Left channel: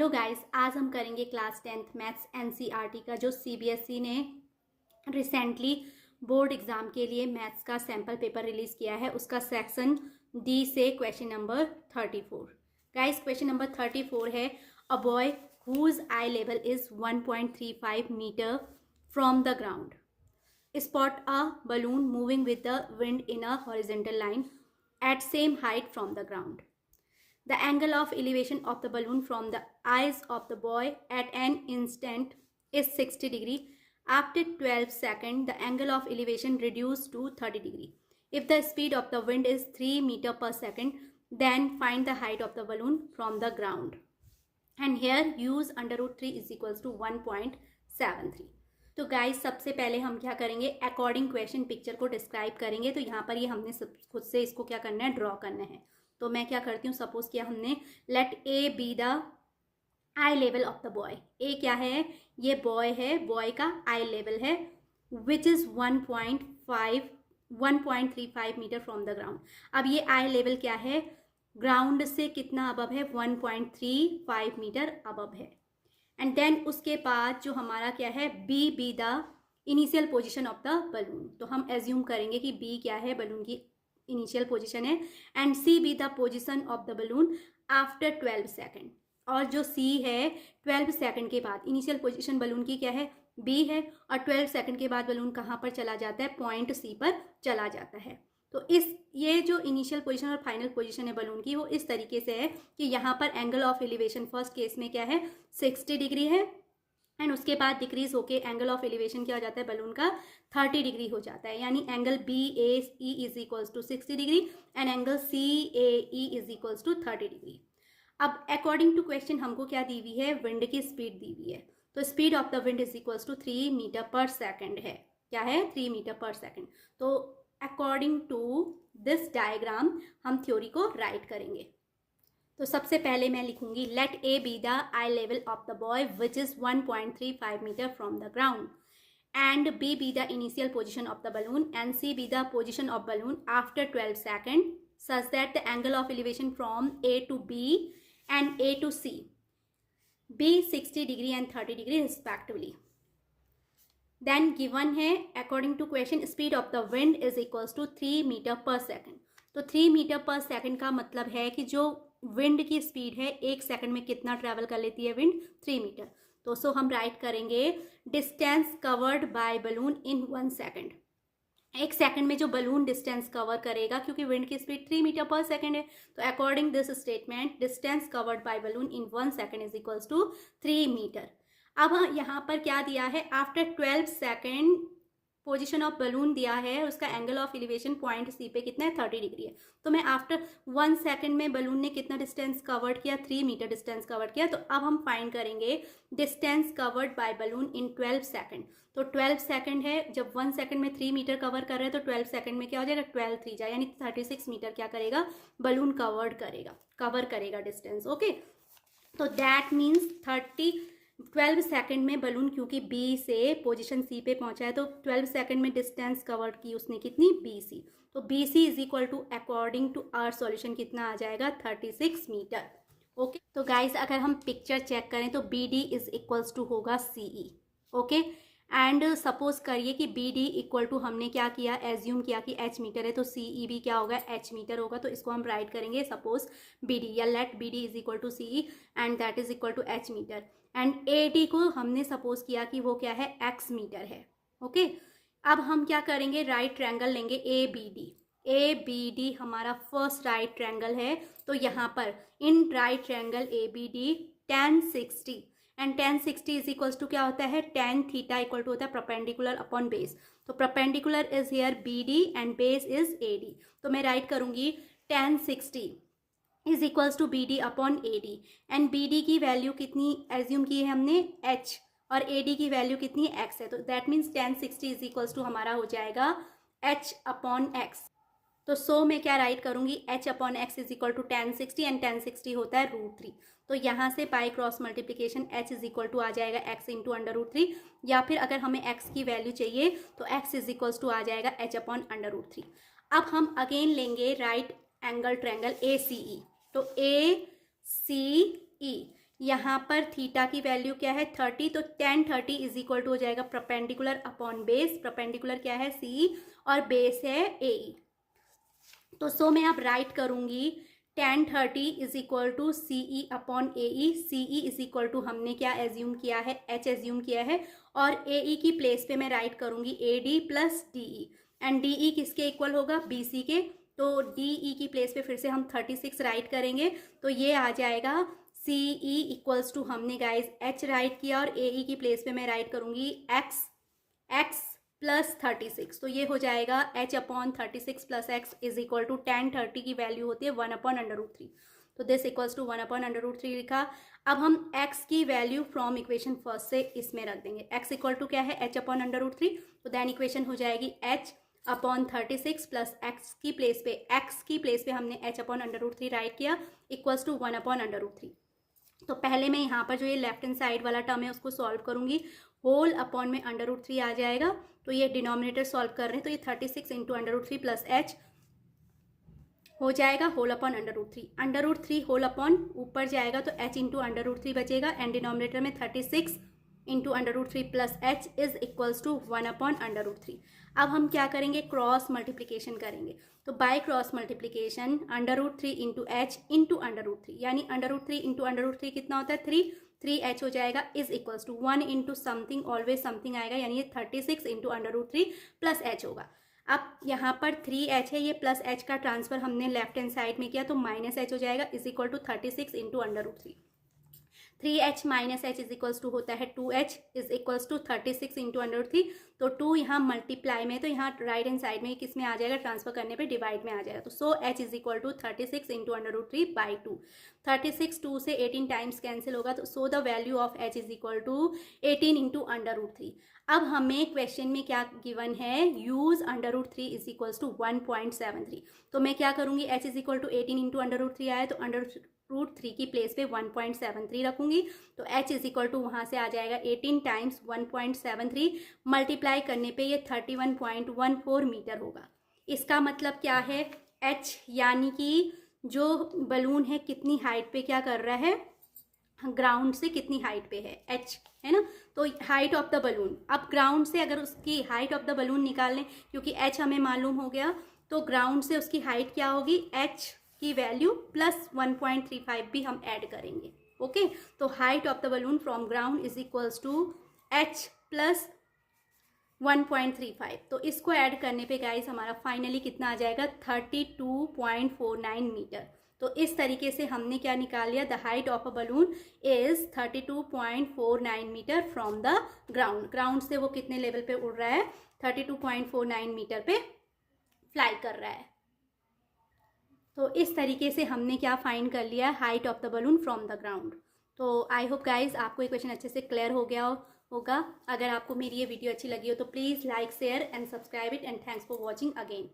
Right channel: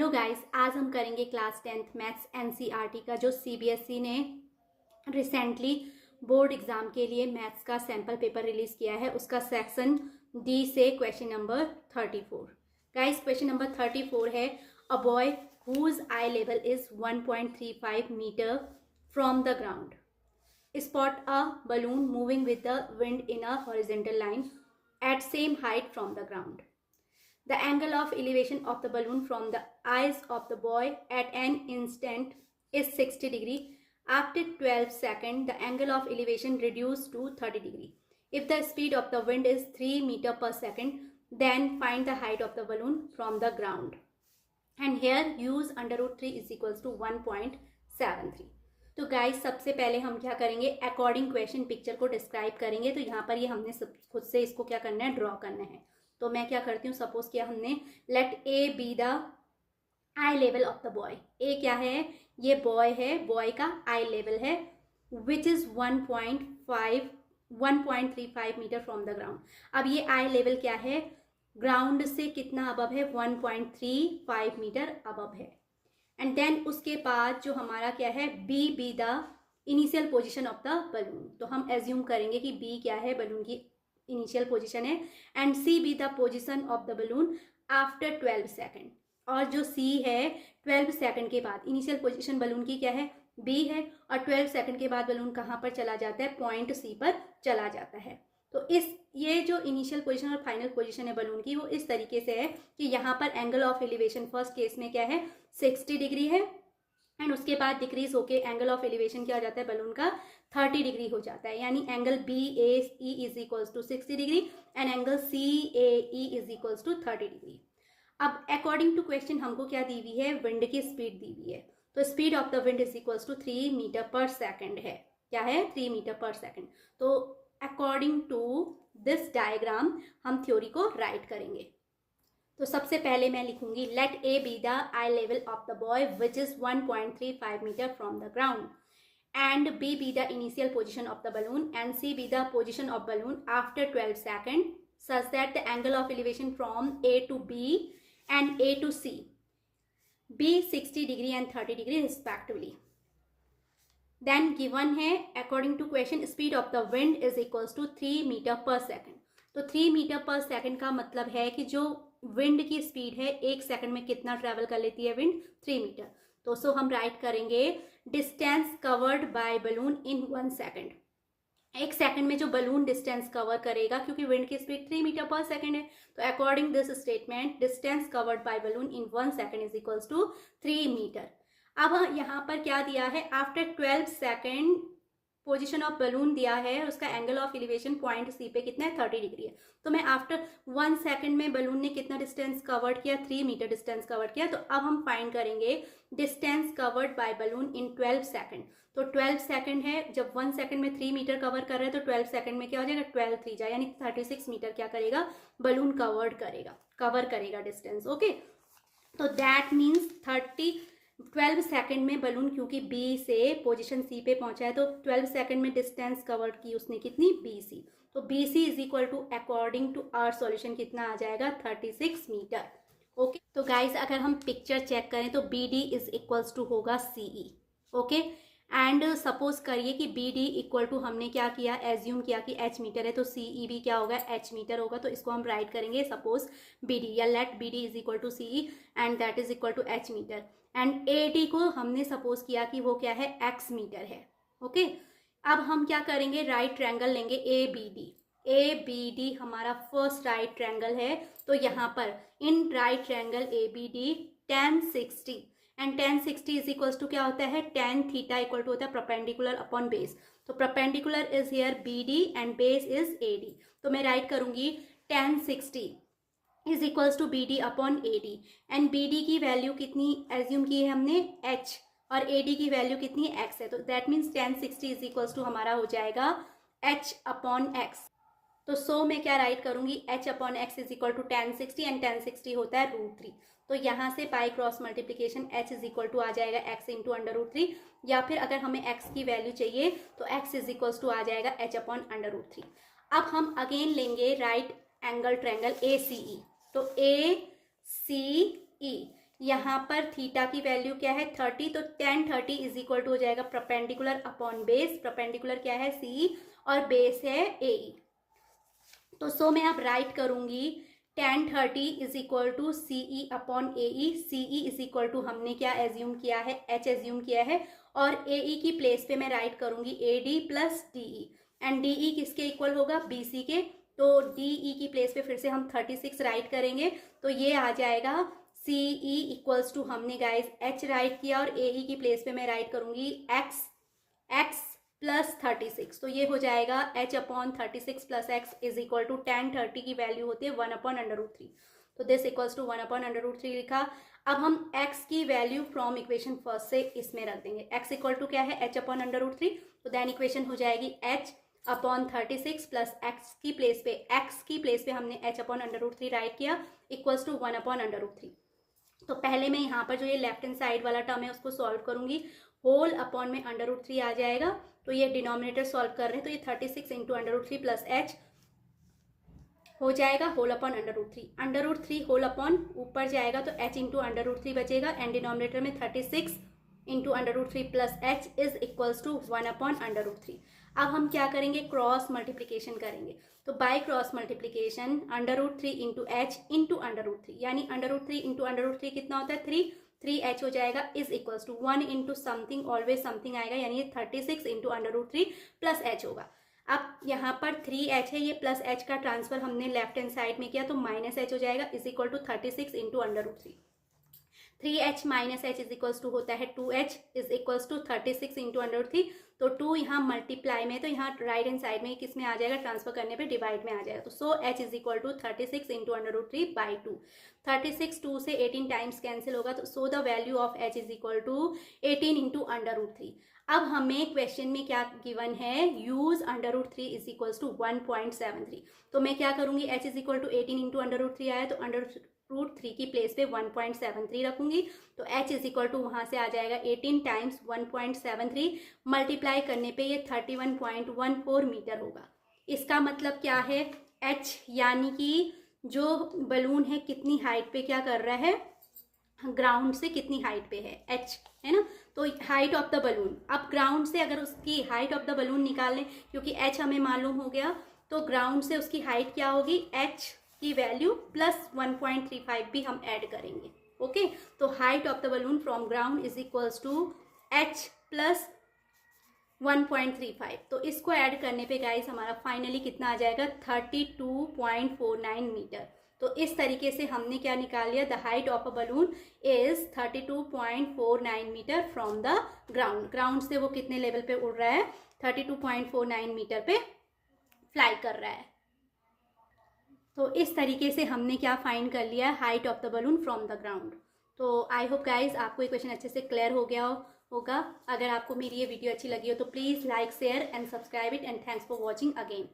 Hello guys, आज हम करेंगे क्लास 10th मैथ्स एनसीईआरटी का जो सीबीएसई ने रिसेंटली बोर्ड एग्जाम के लिए मैथ्स का सैम्पल पेपर रिलीज किया है, उसका सेक्शन डी से question number 34। Guys, question number 34 है a boy whose eye level is 1.35 metre from the ground spot a balloon moving with the wind in a horizontal line at same height from the ground. The angle of elevation of the balloon from the eyes of the boy at an instant is 60 degree. After 12 seconds, the angle of elevation reduced to 30 degree. If the speed of the wind is 3 meter per second, then find the height of the balloon from the ground. And here use under root 3 is equals to 1.73. तो guys, सबसे पहले हम क्या करेंगे, according question picture को describe करेंगे। तो यहाँ पर ये हमने खुद से इसको क्या करना है, ड्रॉ करना है। तो मैं क्या करती हूँ, सपोज किया हमने let A B the eye level of the boy. A क्या है, ये बॉय है, बॉय का आई लेवल है which is 1.35 metre from the ground. अब ये आई लेवल क्या है, ग्राउंड से कितना अबव है, 1.35 मीटर अबव है। एंड देन उसके बाद जो हमारा क्या है, B be the initial position of the balloon. तो हम एज्यूम करेंगे कि बी क्या है, बलून की इनिशियल पोजीशन है। And C be the position of the balloon after 12 second. और जो सी है 12 सेकेंड के बाद इनिशियल पोजीशन बलून की क्या है, बी है। और 12 सेकेंड के बाद बलून कहाँ पर चला जाता है, पॉइंट सी पर चला जाता है। तो ये जो इनिशियल पोजीशन और फाइनल पोजीशन है बलून की, वो इस तरीके से है कि यहाँ पर angle of elevation first case में क्या है, 60 डिग्री है। एंड उसके बाद डिक्रीज होके एंगल ऑफ एलिवेशन क्या हो जाता है, बलून का 30 डिग्री हो जाता है। यानी angle B A E is equals to 60 degree and angle C A E is equals to 30 degree. अब अकॉर्डिंग टू क्वेश्चन हमको क्या दी हुई है, विंड की स्पीड दी हुई है। तो speed of the wind is equals to 3 metre per second है। क्या है, 3 मीटर पर सेकेंड। तो अकॉर्डिंग टू दिस डायग्राम हम थ्योरी को राइट करेंगे। तो सबसे पहले मैं लिखूंगी let A B the eye level of the boy which is 1.35 metre from the ground and B be the initial position of the balloon and C be the position of balloon after 12 second such that the angle of elevation from A to B and A to C be 60 degree and 30 degree respectively. Then given है according to question speed of the wind is equals to 3 metre per second. तो 3 metre per second का मतलब है कि जो wind की speed है, एक सेकंड में कितना ट्रेवल कर लेती है विंड, 3 मीटर। तो सो हम राइट करेंगे distance covered by balloon in 1 second. एक सेकंड में जो बलून डिस्टेंस कवर करेगा, क्योंकि विंड की स्पीड 3 मीटर पर सेकंड है, तो according this statement distance covered by balloon in 1 second is equals to 3 metre. अब यहाँ पर क्या दिया है, after 12 second position of balloon दिया है, उसका angle of elevation point C पे कितना है, 30 डिग्री है। तो मैं आफ्टर 1 सेकेंड में बलून ने कितना डिस्टेंस कवर्ड किया, 3 मीटर डिस्टेंस कवर्ड किया। तो अब हम फाइंड करेंगे distance covered by balloon in 12 second. तो 12 सेकेंड है, जब 1 सेकेंड में 3 मीटर कवर कर रहे हैं तो 12 सेकेंड में क्या हो जाएगा, 12 3 जाए, यानी 36 मीटर क्या करेगा, बलून कवर करेगा डिस्टेंस। ओके, तो दैट मीन्स 12 सेकेंड में बलून क्योंकि बी से पोजीशन सी पे पहुंचा है, तो 12 सेकेंड में डिस्टेंस कवर की उसने कितनी, बी सी। तो B C is equal to according to our solution कितना आ जाएगा, 36 मीटर। ओके, तो गाइस अगर हम पिक्चर चेक करें तो B D is equals to होगा C E. Okay, and suppose करिए कि बी डी इक्वल टू हमने क्या किया, एज्यूम किया कि एच मीटर है, तो सी ई भी क्या होगा, एच मीटर होगा। तो इसको हम राइट करेंगे सपोज बी डी, या let B D is equal to C E and that is equal to h metre. And A D को हमने सपोज किया कि वो क्या है, एक्स मीटर है। ओके, अब हम क्या करेंगे, राइट ट्रायंगल लेंगे A B D. A B D हमारा फर्स्ट राइट ट्रायंगल है। तो यहाँ पर in right triangle A B D tan 60 and tan 60 is equals to क्या होता है, tan थीटा इक्वल टू होता है परपेंडिकुलर अपॉन बेस। तो perpendicular is here B D and base is A D. तो मैं राइट करूंगी tan 60 is equals to B D upon A D. And B D की वैल्यू कितनी assume की है हमने, एच, और ए डी की वैल्यू कितनी, एक्स है। तो that means tan 60 is equals to हमारा हो जाएगा एच अपॉन एक्स। तो सो मैं क्या राइट करूंगी, H upon x is equal to tan 60 and tan 60 होता है √3। तो यहाँ से पाई cross multiplication H is equal to आ जाएगा एक्स इंटू √3, या फिर अगर हमें एक्स की वैल्यू चाहिए तो एक्स इज इक्वल टू आ जाएगा एच अपॉन √3। अब हम अगेन लेंगे राइट एंगल ट्रायंगल ए सी ई। तो ए सी ई यहाँ पर थीटा की वैल्यू क्या है 30, तो tan 30 इज इक्वल टू हो जाएगा परपेंडिकुलर अपॉन बेस। परपेंडिकुलर क्या है CE और बेस है AE। तो सो मैं अब राइट करूंगी tan 30 is equal to CE upon AE। CE is equal to हमने क्या एज्यूम किया है, H एज्यूम किया है, और AE की प्लेस पे मैं राइट करूंगी AD plus DE। And DE किसके इक्वल होगा, BC के। तो DE की प्लेस पे फिर से हम 36 राइट करेंगे, तो ये आ जाएगा CE इक्वल्स टू हमने गाइज H राइट किया, और AE की प्लेस पे मैं राइट करूंगी x प्लस 36। तो ये हो जाएगा H upon 36 plus x is equal to tan 30 की वैल्यू होती है 1 अपॉन √3। तो दिस इक्वल्स टू 1 अपॉन √3 लिखा। अब हम x की वैल्यू फ्रॉम इक्वेशन फर्स्ट से इसमें रख देंगे। x इक्वल टू क्या है, H अपॉन √3। तो देन इक्वेशन हो जाएगी H अपॉन 36 प्लस x की प्लेस पे हमने H अपॉन √3 राइट किया इक्वल्स टू 1 अपॉन √3। तो पहले मैं यहाँ पर जो ये लेफ्ट हैंड साइड वाला टर्म है उसको सॉल्व करूंगी। होल अपॉन में √3 आ जाएगा, तो ये डिनोमिनेटर सॉल्व कर रहे हैं, तो ये 36 इंटू √3 प्लस H हो जाएगा होल अपॉन √3। √3 होल अपॉन ऊपर जाएगा तो H इंटू √3 बचेगा, एंड डिनोमिनेटर में 36 into √3 plus H is equals to 1 upon √3। अब हम क्या करेंगे, क्रॉस मल्टीप्लीकेशन करेंगे। तो by cross multiplication √3 into H into √3, यानी √3 इंटू √3 कितना होता है 3H हो जाएगा, is equals to 1 into something, always something आएगा, यानी ये 36 इंटू √3 प्लस H होगा। अब यहाँ पर 3H है, ये प्लस H का ट्रांसफर हमने लेफ्ट हैंड साइड में किया, तो माइनस H हो जाएगा, is equal to 36 into √3। 3H minus H is equals to होता है 2H is equals to 36 into √3। तो 2 यहाँ मल्टीप्लाई में, तो यहाँ राइट हैंड साइड में किस में आ जाएगा, ट्रांसफर करने पे डिवाइड में आ जाएगा। तो so H is equal to 36 into √3 by 2। 36 2 से 18 टाइम्स कैंसिल होगा, तो so the value of H is equal to 18 into √3। अब हमें क्वेश्चन में क्या गिवन है, यूज √3 इज इक्वल्स टू 1.73। तो मैं क्या करूंगी, H is equal to 18 into √3 आया, तो √3 की प्लेस पे 1.73 रखूंगी, तो H इज इक्वल टू वहां से आ जाएगा 18 टाइम्स 1.73 मल्टीप्लाई करने पे ये 31.14 मीटर होगा। इसका मतलब क्या है, H यानी कि जो बलून है कितनी हाइट पे क्या कर रहा है, ग्राउंड से कितनी हाइट पे है, H है ना। तो हाइट ऑफ द बलून, अब ग्राउंड से अगर उसकी हाइट ऑफ द बलून निकाल लें, क्योंकि H हमें मालूम हो गया, तो ग्राउंड से उसकी हाइट क्या होगी, H की वैल्यू प्लस 1.35 भी हम ऐड करेंगे। ओके, तो height of the balloon from ground is equals to H plus 1.35। तो इसको ऐड करने पे गाइस हमारा फाइनली कितना आ जाएगा, 32.49 मीटर। तो इस तरीके से हमने क्या निकाल लिया, the height of a balloon is 32.49 metre from the ground. Ground से वो कितने लेवल पे उड़ रहा है, 32.49 मीटर पे फ्लाई कर रहा है। तो इस तरीके से हमने क्या फाइंड कर लिया, height of the balloon from the ground. तो आई होप गाइज आपको ये क्वेश्चन अच्छे से क्लियर हो गया होगा। अगर आपको मेरी ये वीडियो अच्छी लगी हो तो please like share and subscribe it, and thanks for watching again.